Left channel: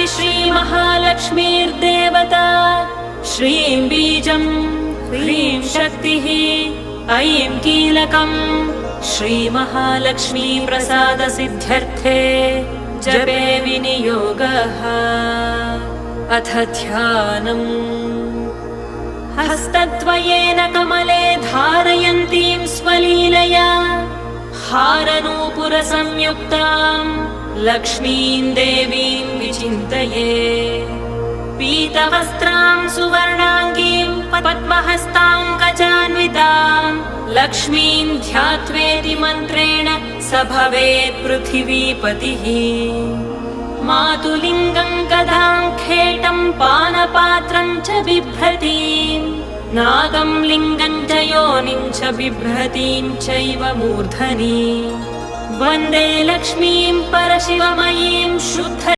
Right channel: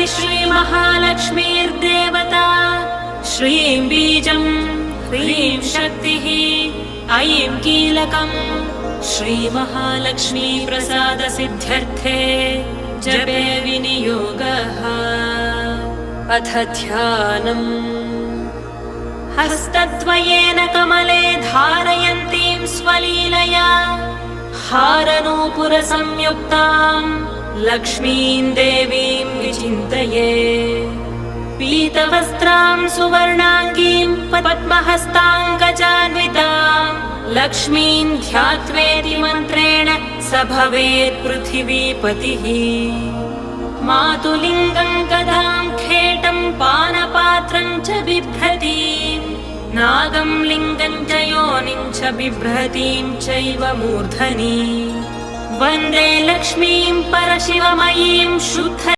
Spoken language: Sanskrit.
देवी श्रीमहालक्ष्मीर्देवता श्रीं बीजं ह्रीं शक्तिः ऐं कीलकम् श्रीमहालक्ष्मी प्रसाद सिद्ध्यर्थे जपे विनियोगः। अथ ध्यानम्। हस्तद्वयेन कमले धारयन्तीं स्वलीलया हारनूपुरसंयुक्ताम् लक्ष्मीं देवीं विचिन्तये। पीतवस्त्रां सुवर्णाङ्गीं पद्महस्ताङ्गजान्विताम् लक्ष्मीं ध्यात्वेति मन्त्रेण स भवेत् पृथिवीपतिः। मातुलिङ्गं गदां खेटं पानपात्रं च बिभ्रतीम् नागं लिङ्गं च योनिं च बिभ्रतीं चैव मूर्धनि। वन्दे लक्ष्मीं परशिवमयीं शुद्ध